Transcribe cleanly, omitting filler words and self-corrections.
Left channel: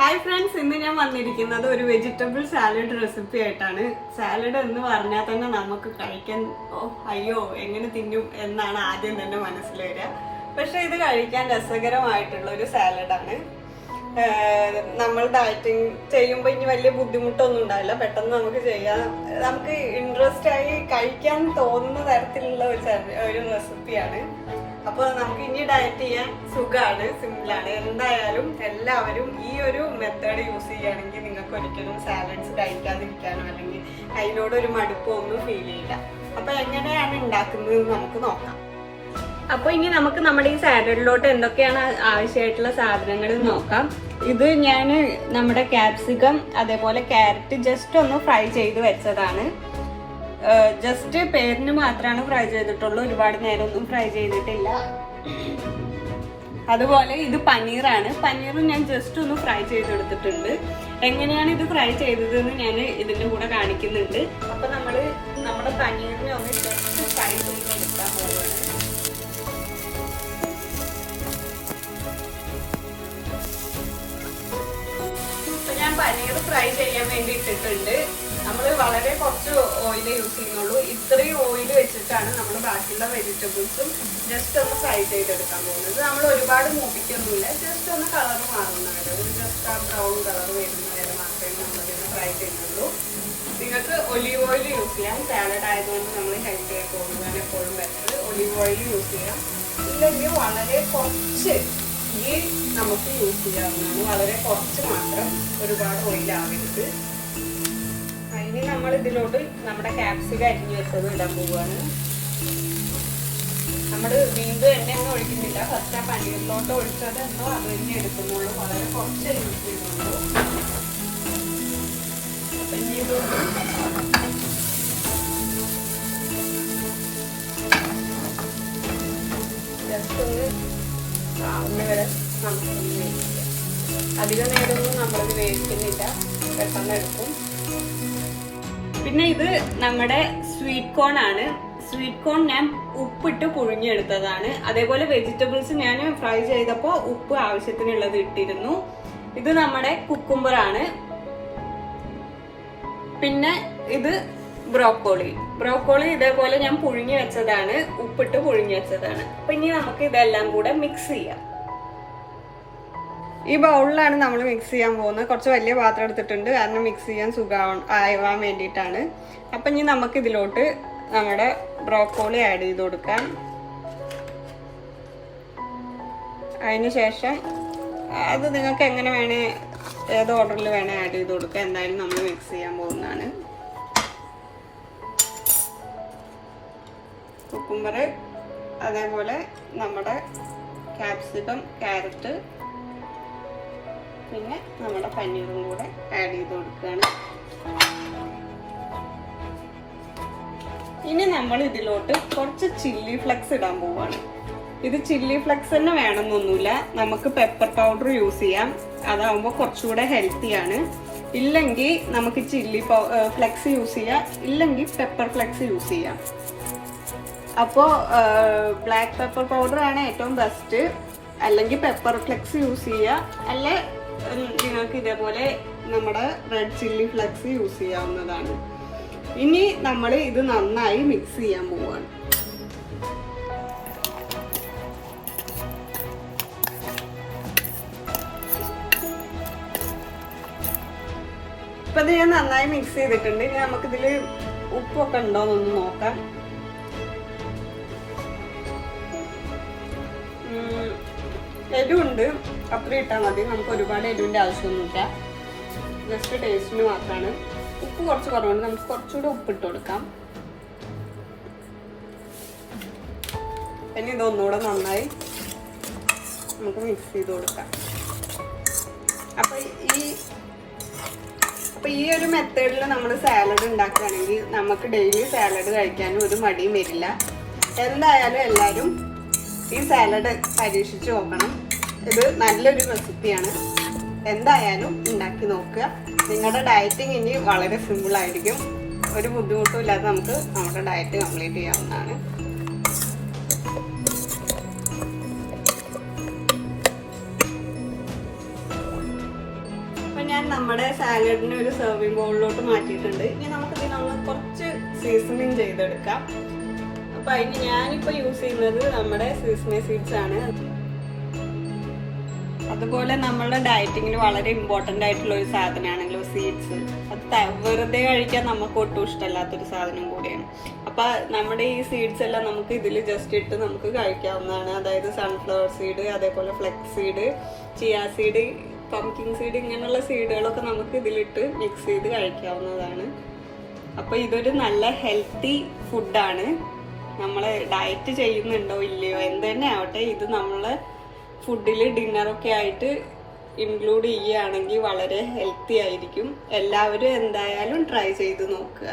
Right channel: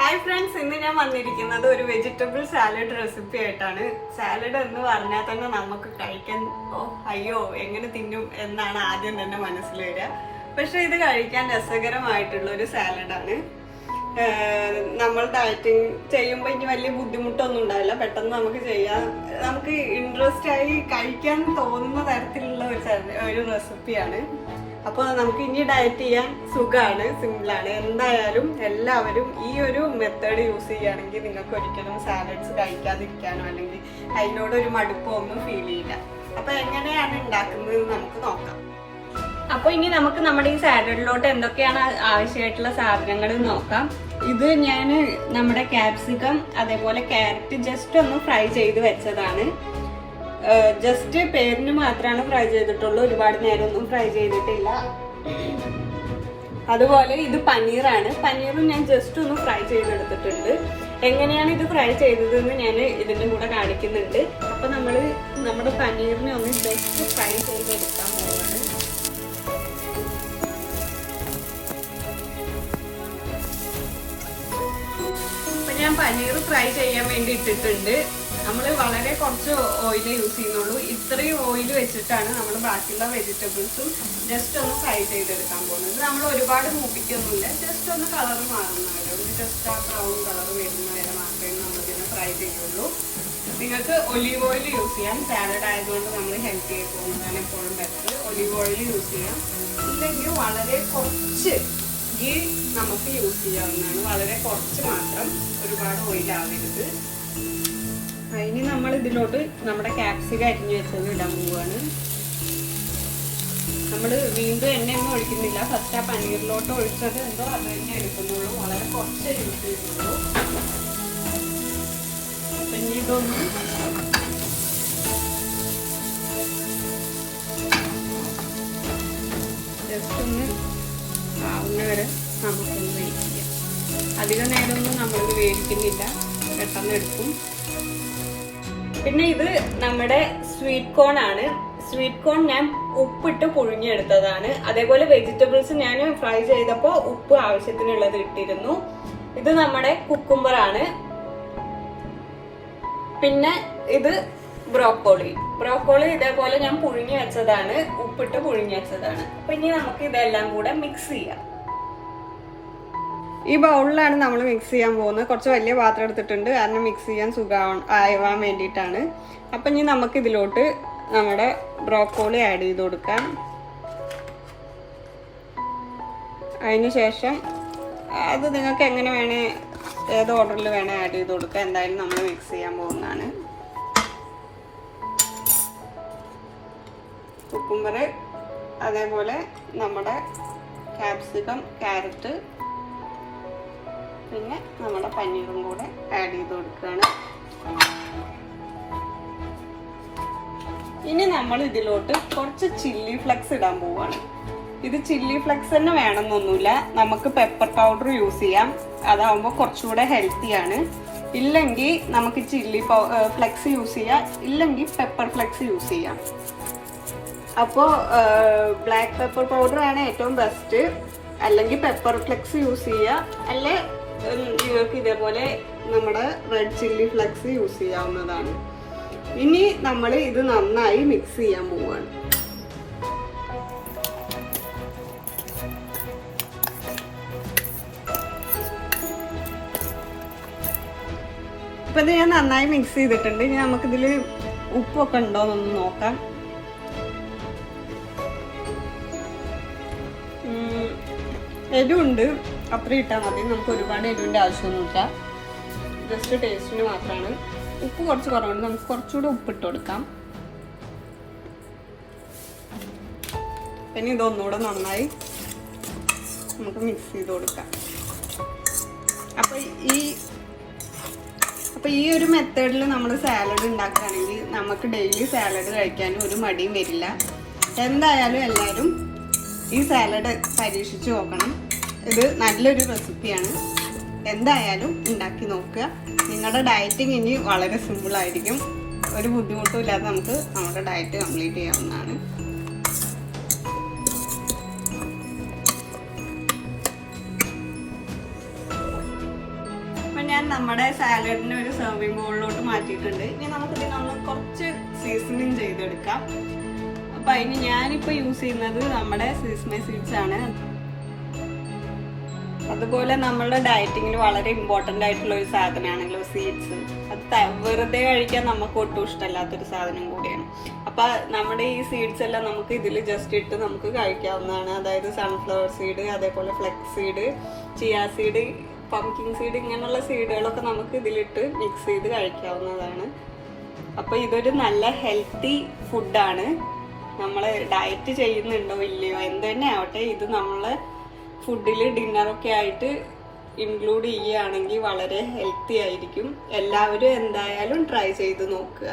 Hi friends, ഇന്ന് ഞാൻ വന്നിരിക്കുന്നത് ഒരു വെജിറ്റബിൾ സാലഡ് റെസിപ്പി ആയിട്ടാണ്. സാലഡ് എന്ന് പറഞ്ഞാൽ തന്നെ നമുക്ക് കഴിക്കാൻ അയ്യോ എങ്ങനെ തിന്നും എന്നാണ് ആദ്യം തന്നെ മനസ്സിൽ വരിക. പക്ഷെ ഇത് കഴിക്കാൻ രസകരമായിട്ടുള്ള ഒരു സാലഡാണ്. നമ്മൾ ഡയറ്റിങ് ചെയ്യുമ്പോൾ ഇനി വലിയ ബുദ്ധിമുട്ടൊന്നും ഉണ്ടാവില്ല, പെട്ടെന്ന് നമുക്ക് ചെയ്യാം. നമുക്ക് ഇൻട്രസ്റ്റ് ആയി കഴിക്കാൻ തോന്നുന്ന തരത്തിലുള്ള ഒരു റെസിപ്പിയാണ്. അപ്പോൾ നമുക്ക് ഇനി ഡയറ്റ് ചെയ്യാൻ സുഖമാണ്, സിമ്പിളാണ്. എന്തായാലും എല്ലാവരും ഈ ഒരു മെത്തേഡ് യൂസ് ചെയ്യുകയാണെങ്കിൽ നിങ്ങൾക്ക് ഒരിക്കലും സാലഡ്സ് കഴിക്കാതിരിക്കാനോ അല്ലെങ്കിൽ അതിനോടൊരു മടുപ്പോ ഒന്നും ഫീൽ ചെയ്യില്ല. അപ്പോൾ എങ്ങനെയാണ് ഉണ്ടാക്കുന്നത് നമുക്ക് നോക്കാം. അപ്പോൾ ഇനി നമുക്ക് നമ്മുടെ ഈ സാലഡിലോട്ട് എന്തൊക്കെയാണ് ആവശ്യമായിട്ടുള്ള സാധനങ്ങൾ നോക്കാം. ഇത് ഞാൻ നമ്മുടെ ക്യാപ്സിക്കം അതേപോലെ ക്യാരറ്റ് ജസ്റ്റ് ഒന്ന് ഫ്രൈ ചെയ്ത് വെച്ചതാണ്. ജസ്റ്റ് പേരിന് മാത്രമാണ് ഫ്രൈ ചെയ്തിട്ടുള്ളൂ, ഒരുപാട് നേരമൊന്നും ഫ്രൈ ചെയ്തിട്ടില്ല. അതുപോലെ ഇത് പനീറാണ്. പനീറും ഞാൻ ജസ്റ്റ് ഒന്ന് ഫ്രൈ ചെയ്തെടുത്തിട്ടുണ്ട്. എങ്ങനെയാണ് ഇത് ഫ്രൈ ചെയ്തതെന്ന് ഞാൻ ഇതിൻ്റെ കൂടെ കാണിക്കുന്നുണ്ട്. അപ്പൊ നമ്മുടെ പനീറിനെ ഒന്ന് ജസ്റ്റ് ഫ്രൈ ചെയ്തെടുക്കാൻ പോകുന്നത്. അപ്പൊ ഞാൻ പനീർ ഫ്രൈ ചെയ്യാൻ വേണ്ടി ഇട്ടിട്ടുണ്ട്. നമ്മൾ വളരെ കുറച്ച് ഓയിൽ യൂസ് ചെയ്യുന്നുള്ളൂ. ഇത്രയും ഓയിൽ വെച്ചിട്ടാണ് നമ്മൾ ബാക്കിയുള്ള വെജിറ്റബിൾസും ജസ്റ്റ് ഒന്ന് ഫ്രൈ ചെയ്തെടുക്കാൻ പോകുന്നത്. നമ്മൾ ഒരുപാട് മൂപ്പിക്കൊന്നുമില്ല, ജസ്റ്റ് ഒന്ന് കളർ മാറുന്നവരെ, ഒരു ജസ്റ്റ് ആ ബ്രൗൺ കളർ വരുന്ന വരെ മാത്രമേ നമ്മളിതിനെ ഫ്രൈ ചെയ്യുള്ളൂ. നിങ്ങൾക്ക് ഒലീവ് ഓയിൽ യൂസ് ചെയ്യാം. സാലഡ് ആയതുകൊണ്ട് നമ്മൾ ഹെൽത്തി ആയി പോകുന്നതാണ് എപ്പോഴും ബെറ്റർ. ഒലീവ് ഓയിൽ യൂസ് ചെയ്യാം. ഇല്ലെങ്കിൽ വളരെ കുറച്ച് ഗീ നമുക്ക് യൂസ് ചെയ്യാവുന്നതാണ്. വളരെ കുറച്ച് മാത്രം, ഒരുപാട് ഓയിലാവരുത്. ഇനി നമ്മൾ ഇതിലോട്ട് നമ്മുടെ ക്യാപ്സിക്കം അരിഞ്ഞു വെച്ചത് ഇടാൻ പോവുകയാണ്. നമ്മൾ വീണ്ടും എണ്ണയൊന്നും ഒഴിക്കുന്നില്ല. ഫസ്റ്റ് ആ പനീറിലോട്ട് ഒഴിച്ചത് എന്തോ അത് തന്നെ എടുക്കുന്നുള്ളൂ. വളരെ കുറച്ച് യൂസ് ചെയ്യുന്നുള്ളൂ. പിന്നെ ഇതൊന്നും ജസ്റ്റ് ഒന്ന് ആവുന്ന വരെ നമുക്ക് അധികം നേരമൊന്നും നമ്മളിത് വേവിക്കുന്നില്ല, പെട്ടെന്ന് എടുക്കും. പിന്നെ ഇത് നമ്മുടെ സ്വീറ്റ് കോൺ ആണ്. സ്വീറ്റ് കോൺ ഞാൻ ഉപ്പിട്ട് പുഴുങ്ങിയെടുത്തതാണ്. അതേപോലെ വെജിറ്റബിൾസ് ഞാൻ ഫ്രൈ ചെയ്തപ്പോൾ ഉപ്പ് ആവശ്യത്തിനുള്ളത് ഇട്ടിരുന്നു. ഇത് നമ്മുടെ കുക്കുംബർ ആണ്. പിന്നെ ഇത് ബ്രോക്കോളി ഇതേപോലെ ഞാൻ പുഴുങ്ങി വെച്ചതാണ്, ഉപ്പിട്ട് പുഴുങ്ങി വെച്ചതാണ്. അപ്പൊ ഇനി നമുക്ക് ഇതെല്ലാം കൂടെ മിക്സ് ചെയ്യാം. ഈ ബൗളിലാണ് നമ്മൾ മിക്സ് ചെയ്യാൻ പോകുന്നത്. കുറച്ച് വലിയ പാത്രം എടുത്തിട്ടുണ്ട്, കാരണം മിക്സ് ചെയ്യാൻ സുഖമാവാൻ വേണ്ടിയിട്ടാണ്. അപ്പം ഇനി നമുക്ക് ഇതിലോട്ട് നമ്മുടെ ബ്രോക്കോളി ആഡ് ചെയ്ത് കൊടുക്കാം. അതിനുശേഷം അത് നിങ്ങൾക്ക് എങ്ങനെ വേണേ, ഏത് ഓർഡറിൽ വേണേ ആഡ് ചെയ്ത് കൊടുക്കാം. എന്തായാലും നമ്മൾ മിക്സ് ചെയ്യാൻ പോകുന്നതാണ്. കുക്കുംബർ അതേപോലെ നമ്മുടെ ക്യാപ്സിക്കം, ക്യാരറ്റ്, പിന്നെ നമ്മുടെ പനീറും കൂടെ ആഡ് ചെയ്ത് കൊടുക്കുകയാണ്. ഇനി നമ്മൾ ഇതിലോട്ട് കുറച്ച് ചില്ലി ഫ്ലെക്സ് ഇടാൻ പോവാണ്. ഇത് ചില്ലി ഫ്ലെക്സ് തന്നെ വേണമെന്നൊന്നുമില്ല, നമുക്ക് പെപ്പർ പൗഡർ യൂസ് ചെയ്യാം. അതാവുമ്പോൾ കുറച്ചുകൂടെ ഹെൽത്തിയാണ്. ഇല്ലെങ്കിൽ നമുക്ക് ചില്ലി ഫ്ലെക്സ് യൂസ് ചെയ്യാം, ഇല്ലെങ്കിൽ പെപ്പർ ഫ്ലെക്സ് യൂസ് ചെയ്യാം. അപ്പോൾ ബ്ലാക്ക് പെപ്പർ പൗഡർ ആണ് ഏറ്റവും ബെസ്റ്റ്, അല്ലെങ്കിൽ പെപ്പർ ഫ്ലെക്സ് യൂസ് ചെയ്യുക. അല്ലെ നിങ്ങൾക്ക് ഇതേപോലെ നമ്മുടെ റെഡ് ചില്ലി ഫ്ലെക്സ് യൂസ് ചെയ്യാവുന്നതാണ്. ഇനി നമ്മൾ ഇത് നന്നായി മിക്സ് ചെയ്യാൻ പോവുകയാണ്. ഇപ്പൊ ഇത് ഞാൻ നന്നായി മിക്സ് ചെയ്തിട്ടുണ്ട്. ഇനി നമുക്കിതിൽ ഉപ്പൊക്കെ ഉണ്ടോ എന്നൊന്ന് നോക്കാം. എരിവുണ്ട്, അത്ര ഇട്ടാൽ മതി. നമുക്ക് ഒരുപാട് എരിവിൻ്റെ ആവശ്യമൊന്നുമില്ല, ജസ്റ്റ് ടേസ്റ്റിന് മാത്രമാണ്. ഉപ്പ് കുറച്ച് കുറവുണ്ട്, നമുക്ക് കുറച്ചുകൂടി ഉപ്പിട്ട് കൊടുക്കാം. പിന്നെ ഇതൊന്നുകൂടെ നന്നായി നമുക്ക് മിക്സ് ചെയ്ത് കൊടുക്കാം. അപ്പൊ ഈ ഒരു മെത്തേഡിൽ നമ്മൾ സാലഡ് ഉണ്ടാക്കുകയാണെങ്കിൽ നമുക്ക് ഡെയിലി സാലഡ് കഴിക്കാനും ഒരു മടിയും വരില്ല. എന്തായാലും എല്ലാവരും ഈ സാലഡ് പരീക്ഷിച്ച് നോക്കണം. ഇത് നല്ലൊരു റെസിപ്പിയാണ്. എന്തായാലും ഉണ്ടാക്കി നോക്കുക. നിങ്ങളുടെ ഡയറ്റിങ് ഇനി വളരെ സിമ്പിൾ ആയിരിക്കും. ഒരു ബുദ്ധിമുട്ടും ഇല്ലാതെ നമുക്ക് നമ്മുടെ ഡയറ്റ് കംപ്ലീറ്റ് ചെയ്യാവുന്നതാണ്. നമ്മുടെ സാലഡിനെ ഒരു സെർവിങ് ബൗളിലോട്ട് മാറ്റിയിട്ടുണ്ട്. ഇനി നമുക്ക് ഇതിനൊന്ന് കുറച്ച് സീസണിങ് ചെയ്തെടുക്കാം. അപ്പൊ അതിന് ഞാനിപ്പോ യൂസ് ചെയ്യുന്നത് നമ്മുടെ സീസമി സീഡ്സ് ആണ്. അതുപോലെ നമ്മളുടെ ഡയറ്റിങ്ങിൽ വളരെ ഇമ്പോർട്ടന്റ് ആയിട്ടുള്ള ഒരു സാധനമാണല്ലോ സീഡ്സ്. അത് വെറുതെ കഴിക്കാൻ നമുക്ക് ഒട്ടും ഇഷ്ടമല്ലാത്തൊരു സാധനം കൂടിയാണ്. അപ്പൊ നമ്മുടെ ഈ സീഡ്സ് എല്ലാം നമുക്ക് ഇതിൽ ജസ്റ്റ് ഇട്ട് നമുക്ക് കഴിക്കാവുന്നതാണ്. അതായത് സൺഫ്ലവർ സീഡ്, അതേപോലെ flex seed, chia seed, pumpkin seed, ഇങ്ങനെയുള്ള സീഡുകളൊക്കെ നമുക്ക് ഇതിലിട്ട് മിക്സ് ചെയ്ത് കഴിക്കാവുന്നതാണ്. അപ്പൊ ഇതൊരു നല്ല ഹെൽത്തി ഫുഡാണ്. നമ്മള് ഡയറ്റ് ചെയ്യുന്നുണ്ടോ ഇല്ലയോ എന്ത് തന്നെ ആവട്ടെ, ഇത് നമ്മളെ ഫുഡിൽ ഡിന്നറൊക്കെ ആയിട്ട് ഇൻക്ലൂഡ് ചെയ്യുകയാണെങ്കിൽ വളരെ ഹെൽത്തി ആയിരിക്കും. എല്ലാവരും എന്തായാലും ട്രൈ ചെയ്ത് നോക്കുക.